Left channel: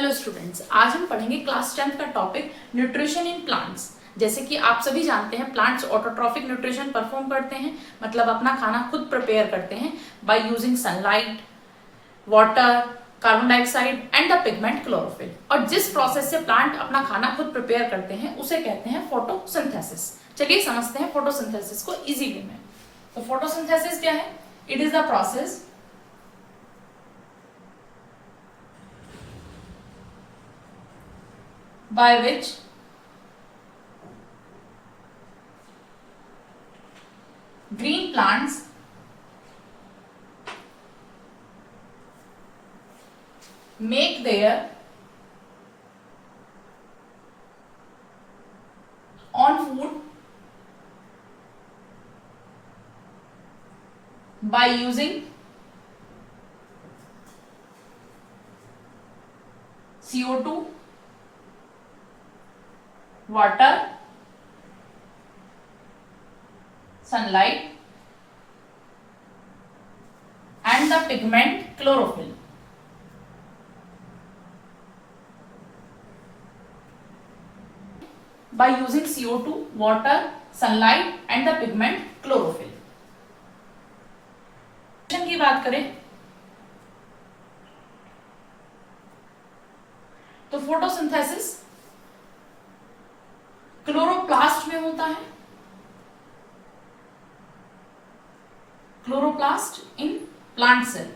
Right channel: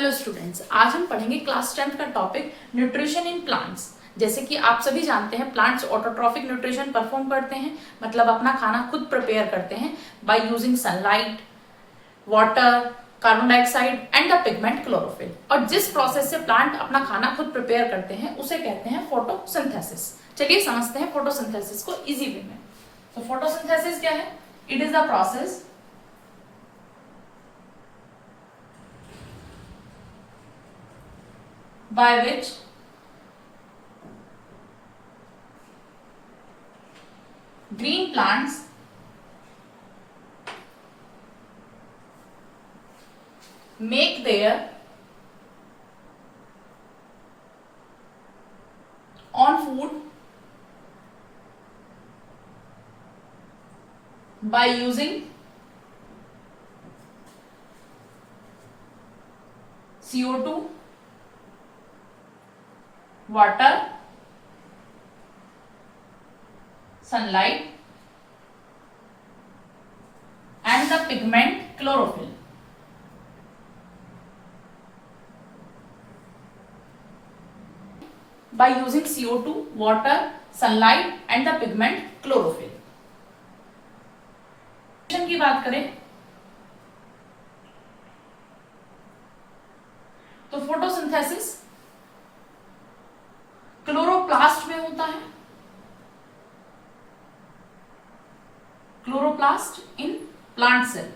Hello students, आज हम पढ़ेंगे क्लास 10th का टॉपिक न्यूट्रिशन इन प्लांट्स। जैसे कि आप सभी जानते हैं, प्लांट्स ऑटोट्रॉफिक न्यूट्रिशन परफॉर्म करते हैं, मतलब अपना खाना खुद प्रिपेयर करते हैं by using sunlight, water, carbon dioxide and the pigment chlorophyll. और जिस प्रोसेस से प्लांट अपना खाना खुद प्रिपेयर करते हैं उसे कहते हैं फोटोसिंथेसिस। चलिए समझते हैं फोटोसिंथेसिस को इजी वे में। तो फोटोसिंथेसिस क्या है? It is the process by which green plants make their own food by using CO2, water, sunlight and the pigment chlorophyll. By using CO2, water, sunlight and the pigment chlorophyll. की बात करें तो photosynthesis chloroplast में होता है। Chloroplast in plant cell.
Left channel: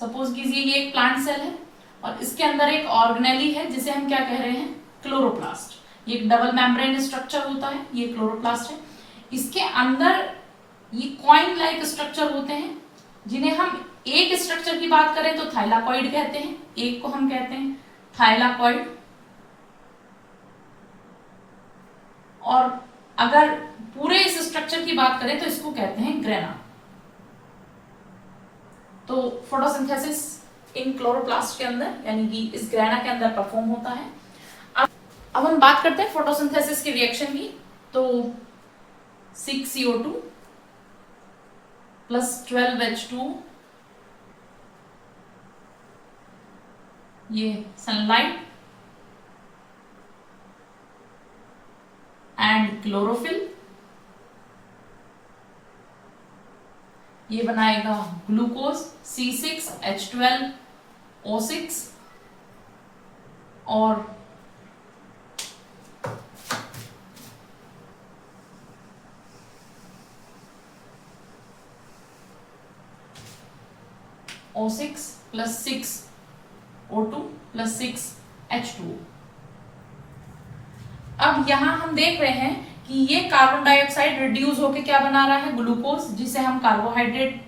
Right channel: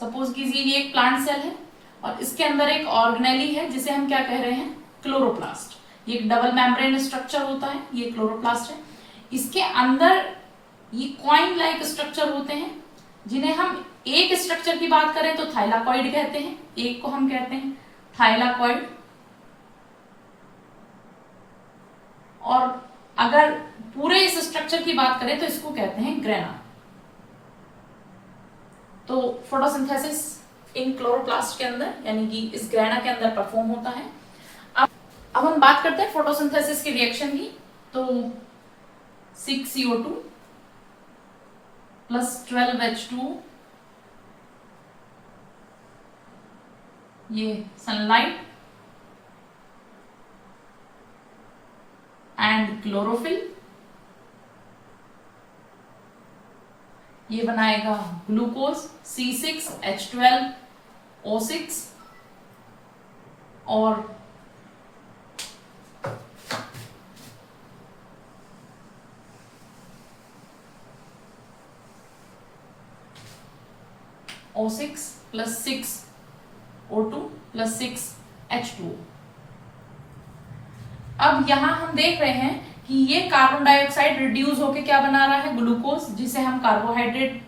Suppose कीजिए ये एक प्लांट सेल है और इसके अंदर एक ऑर्गेनेली है जिसे हम क्या कह रहे हैं? क्लोरोप्लास्ट। ये एक डबल मेम्ब्रेन स्ट्रक्चर होता है, ये क्लोरोप्लास्ट है। इसके अंदर ये कॉइन लाइक स्ट्रक्चर होते हैं जिन्हें हम एक स्ट्रक्चर की बात करें तो थाइलाकॉइड कहते हैं, एक को हम कहते हैं थाइलाकॉइड। और अगर पूरे इस स्ट्रक्चर की बात करें तो इसको कहते हैं ग्रेना। तो फोटोसिंथेसिस इन क्लोरोप्लास्ट के अंदर यानी कि इस ग्रेना के अंदर परफॉर्म होता है। अब हम बात करते हैं फोटोसिंथेसिस की रिएक्शन की। तो 6CO2 प्लस 12H2, ये सनलाइट एंड क्लोरोफिल, ये बनाएगा ग्लूकोज C6H12O6 और O6 plus 6O2 plus 6H2। अब यहां हम देख रहे हैं कि ये कार्बन डाइऑक्साइड रिड्यूस होके क्या बना रहा है? ग्लूकोज, जिसे हम कार्बोहाइड्रेट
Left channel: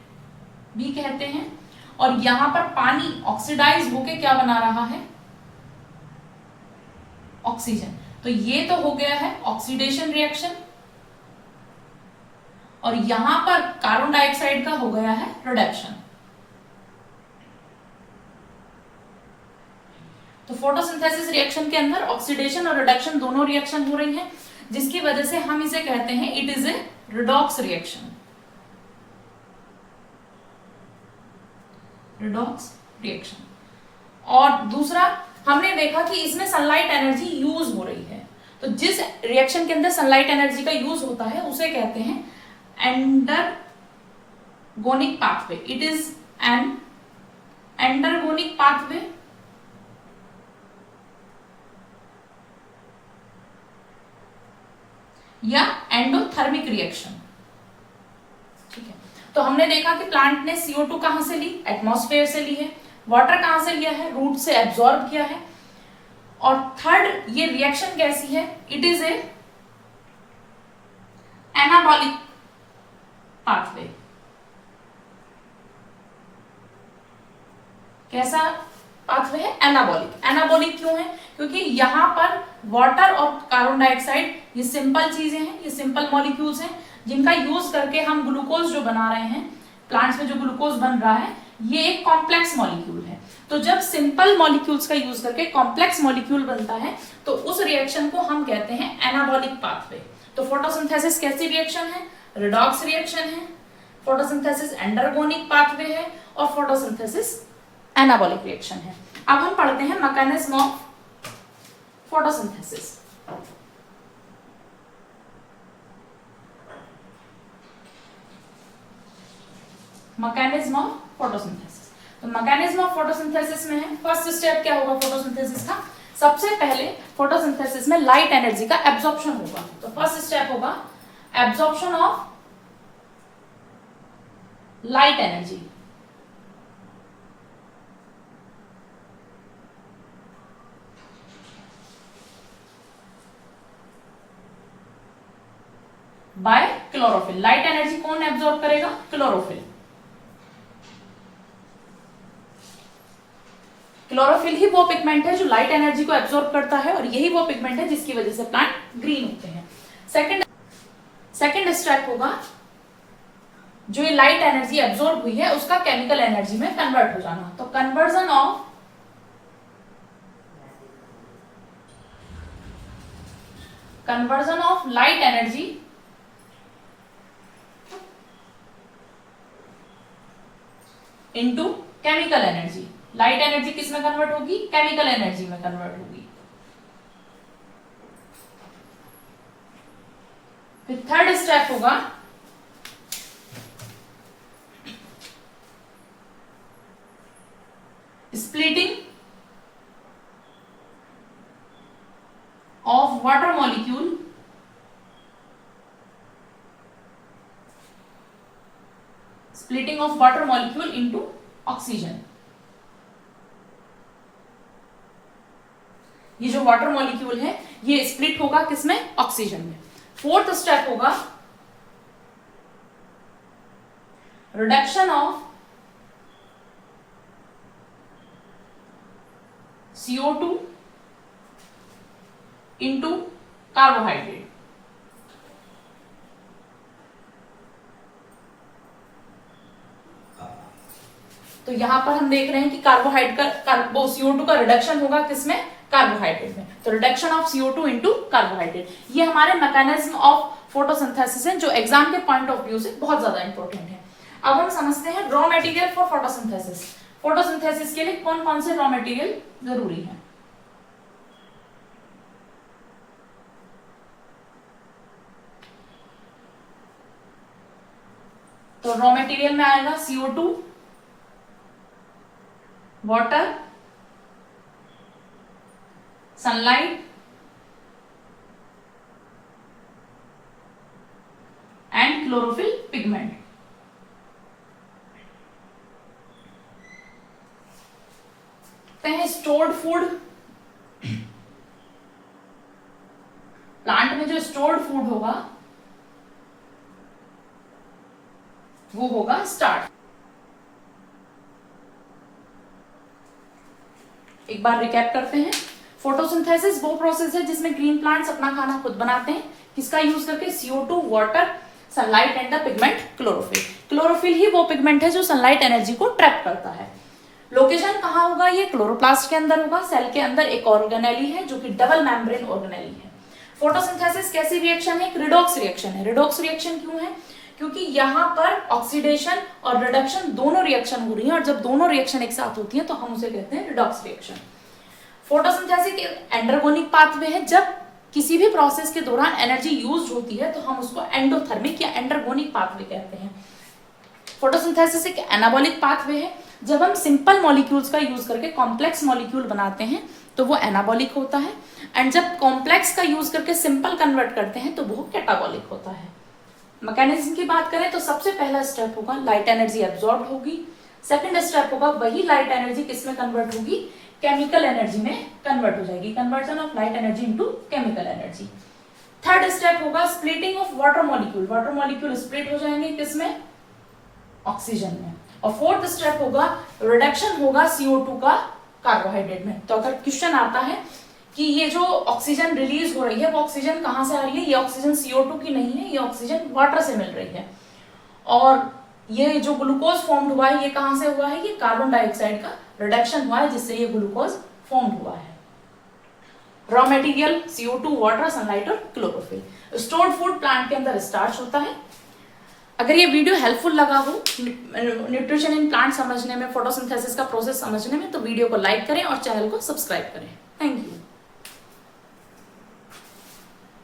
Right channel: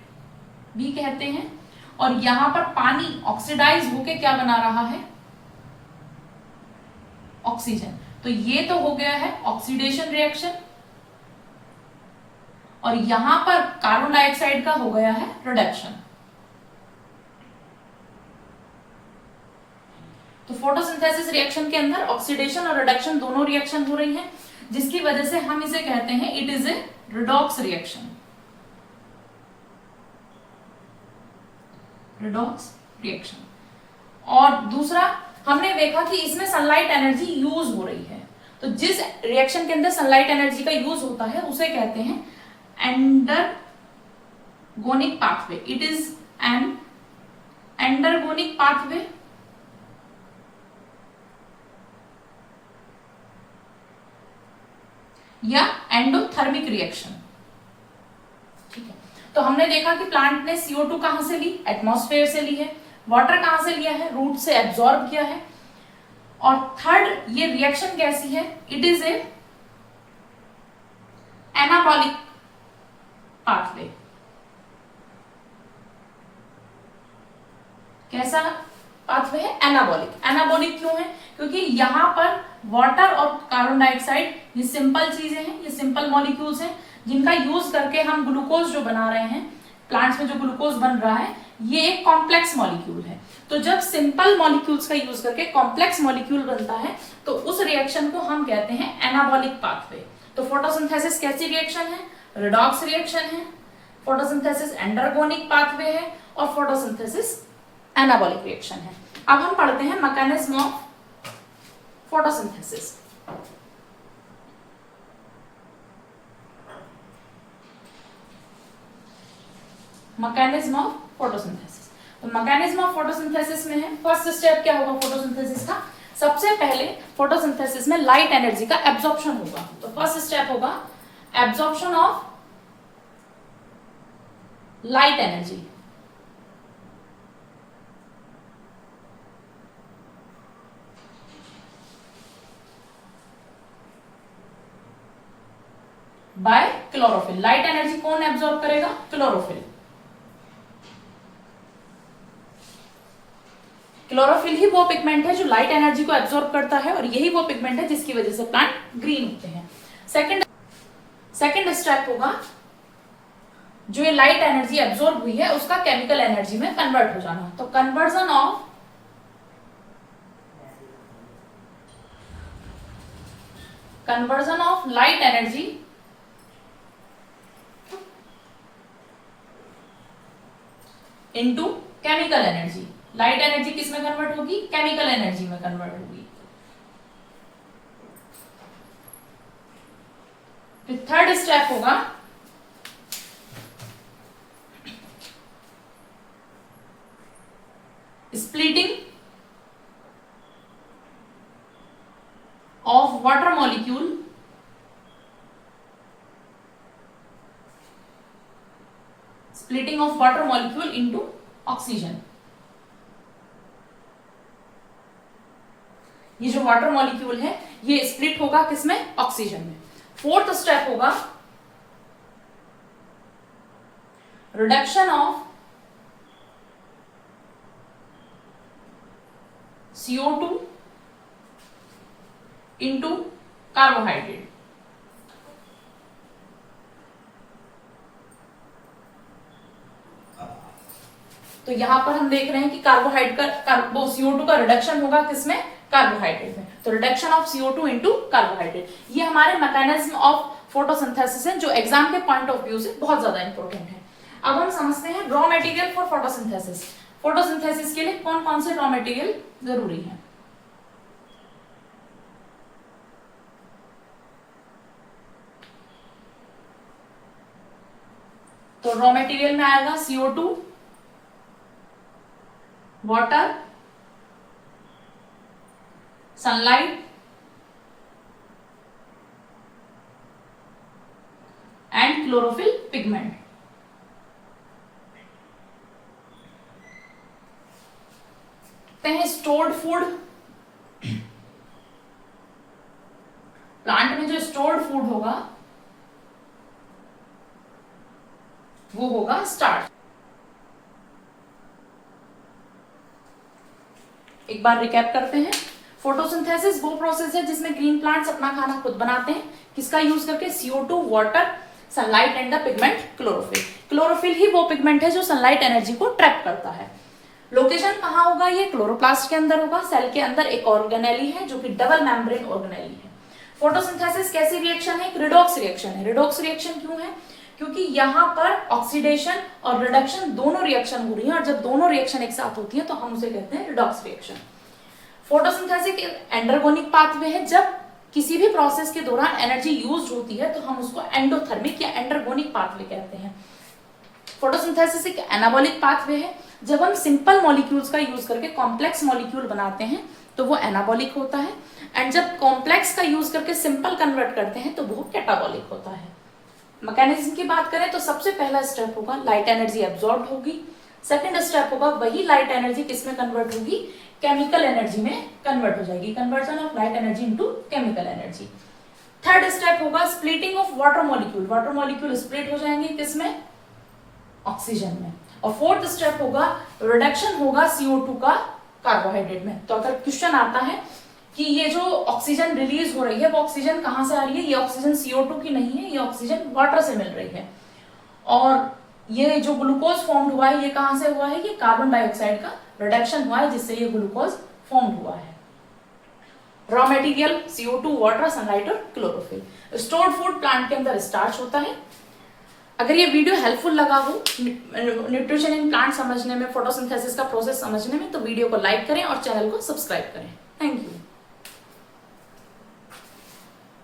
भी कहते हैं। और यहां पर पानी ऑक्सीडाइज होके क्या बना रहा है? ऑक्सीजन। तो ये तो हो गया है ऑक्सीडेशन रिएक्शन और यहां पर कार्बन डाइऑक्साइड का हो गया है रिडक्शन। तो फोटोसिंथेसिस रिएक्शन के अंदर ऑक्सीडेशन और रिडक्शन दोनों रिएक्शन हो रही है, जिसकी वजह से हम इसे कहते हैं it is a redox reaction. Redox reaction. और दूसरा हमने देखा कि इसमें सनलाइट एनर्जी यूज हो रही है। तो जिस रिएक्शन के अंदर सनलाइट एनर्जी का यूज होता है उसे कहते हैं endergonic pathway. It is an endergonic pathway या एंडोथर्मिक रिएक्शन। ठीक है, तो हमने देखा कि प्लांट ने CO2 कहां से ली? एटमॉस्फेयर से ली है। वाटर कहां से लिया है? रूट से एब्जॉर्ब किया है। और थर्ड, ये रिएक्शन कैसी है? It is a anabolic pathway. कैसा पाथवे है? एनाबॉलिक। एनाबॉलिक क्यों है? क्योंकि यहां पर वाटर और कार्बन डाइऑक्साइड ये सिंपल चीजें हैं, ये सिंपल मॉलिक्यूल्स हैं जिनका यूज करके हम ग्लूकोज जो बना रहे हैं, प्लांट्स में जो ग्लूकोज बन रहा है ये एक कॉम्प्लेक्स मॉलिक्यूल है। तो जब सिंपल मॉलिक्यूल्स का यूज करके कॉम्प्लेक्स मॉलिक्यूल बनता है तो उस रिएक्शन को हम कहते हैं एनाबॉलिक पाथवे। तो फोटोसिंथेसिस कैसी रिएक्शन है? रिडॉक्स रिएक्शन है। फोटोसिंथेसिस एंडरगोनिक पाथवे है और फोटोसिंथेसिस एनाबॉलिक रिएक्शन है। अब हम पढ़ते हैं mechanism of photosynthesis. Mechanism of photosynthesis, तो मैकेनिज्म ऑफ फोटोसिंथेसिस में है, फर्स्ट स्टेप क्या होगा फोटोसिंथेसिस का, सबसे पहले फोटोसिंथेसिस में लाइट एनर्जी का एब्जॉर्प्शन होगा। तो फर्स्ट स्टेप होगा absorption of light energy. Bye chlorophyll. Light energy कौन एब्जॉर्ब करेगा, क्लोरोफिल। क्लोरोफिल ही वो पिगमेंट है जो लाइट एनर्जी को एब्जॉर्ब करता है और यही वो पिगमेंट है जिसकी वजह से प्लांट ग्रीन होते हैं। सेकंड स्टेप होगा जो ये लाइट एनर्जी एब्जॉर्ब हुई है उसका केमिकल एनर्जी में कन्वर्ट हो जाना। तो conversion of light energy into chemical energy. Light energy किस में कन्वर्ट होगी, केमिकल एनर्जी में कन्वर्ट होगी। फिर थर्ड स्टेप होगा splitting of water molecule into oxygen। ये जो वाटर मॉलिक्यूल है ये स्प्लिट होगा किसमें, ऑक्सीजन में। फोर्थ स्टेप होगा reduction of CO2 into carbohydrate. तो यहां पर हम देख रहे हैं कि कार्बोहाइड्रेट का CO2 का रिडक्शन होगा किसमें, कार्बोहाइड्रेट में। तो reduction of CO2 into carbohydrate, ये हमारे मैकेनिज्म ऑफ फोटोसिंथेसिस है जो एग्जाम के पॉइंट ऑफ व्यू से बहुत ज्यादा इंपॉर्टेंट है। अब हम समझते हैं raw material for photosynthesis. Photosynthesis के लिए कौन कौन से रॉ मटेरियल जरूरी है। तो रॉ मटेरियल में आएगा CO2, water, sunlight and chlorophyll pigment. Stored food, plant में जो स्टोर्ड फूड होगा वो होगा स्टार्च। एक बार रिकैप करते हैं, फोटोसिंथेसिस वो प्रोसेस है जिसमें ग्रीन प्लांट्स अपना खाना खुद बनाते हैं, किसका यूज करके, CO2, water, sunlight and the pigment chlorophyll. Chlorophyll ही वो पिगमेंट है जो सनलाइट एनर्जी को ट्रैप करता है। लोकेशन कहाँ होगा, ये क्लोरोप्लास्ट के अंदर होगा। सेल के अंदर एक ऑर्गेनेली है जो कि डबल मेम्ब्रेन ऑर्गेनेली है। फोटोसिंथेसिस कैसी रिएक्शन है, रिडॉक्स रिएक्शन है। रिडॉक्स रिएक्शन क्यों है, क्योंकि यहाँ पर ऑक्सीडेशन और रिडक्शन दोनों रिएक्शन हो रही है और जब दोनों रिएक्शन एक साथ होती है तो हम उसे कहते हैं रिडॉक्स रिएक्शन। फोटोसिंथेसिस एक एंडरगोनिक पाथवे है। जब किसी भी प्रोसेस के दौरान एनर्जी यूज होती है तो हम उसको एंडोथर्मिक या एंडरगोनिक पाथवे कहते हैं। फोटोसिंथेसिस एक एनाबॉलिक पाथवे है। जब हम सिंपल मॉलिक्यूल्स का यूज करके कॉम्प्लेक्स मॉलिक्यूल बनाते हैं तो वो एनाबॉलिक होता है, एंड जब कॉम्प्लेक्स का यूज करके सिंपल कन्वर्ट करते हैं तो वो कैटाबॉलिक होता है। मैकेनिज्म की बात करें तो सबसे पहला स्टेप होगा लाइट एनर्जी एब्जॉर्ब होगी। सेकंड स्टेप होगा वही लाइट एनर्जी किसमें कन्वर्ट होगी, केमिकल एनर्जी में कन्वर्ट हो जाएगी, conversion of light energy into chemical energy. Third step होगा splitting of water molecule. Water molecule split हो जाएंगे किसमें, ऑक्सीजन में। और फोर्थ स्टेप होगा रिडक्शन होगा CO2 का कार्बोहाइड्रेट में। तो अगर क्वेश्चन आता है कि ये जो ऑक्सीजन रिलीज हो रही है वो ऑक्सीजन कहां से आ रही है, ये ऑक्सीजन CO2 की नहीं है, ये ऑक्सीजन वाटर से मिल रही है। और ये जो ग्लूकोज फॉर्म हुआ है ये कहां से हुआ है, ये कार्बन डाइऑक्साइड का रिडक्शन हुआ है जिससे ये ग्लूकोज फॉर्म हुआ है। Raw material CO2, water, sunlight और क्लोरोफिल। स्टोर्ड फूड प्लांट के अंदर स्टार्च होता है। अगर ये वीडियो हेल्पफुल लगा हो न्यूट्रिशन इन प्लांट समझने में, फोटोसिंथेसिस का प्रोसेस समझने में, तो वीडियो को लाइक करें और चैनल को सब्सक्राइब करें। Thank you.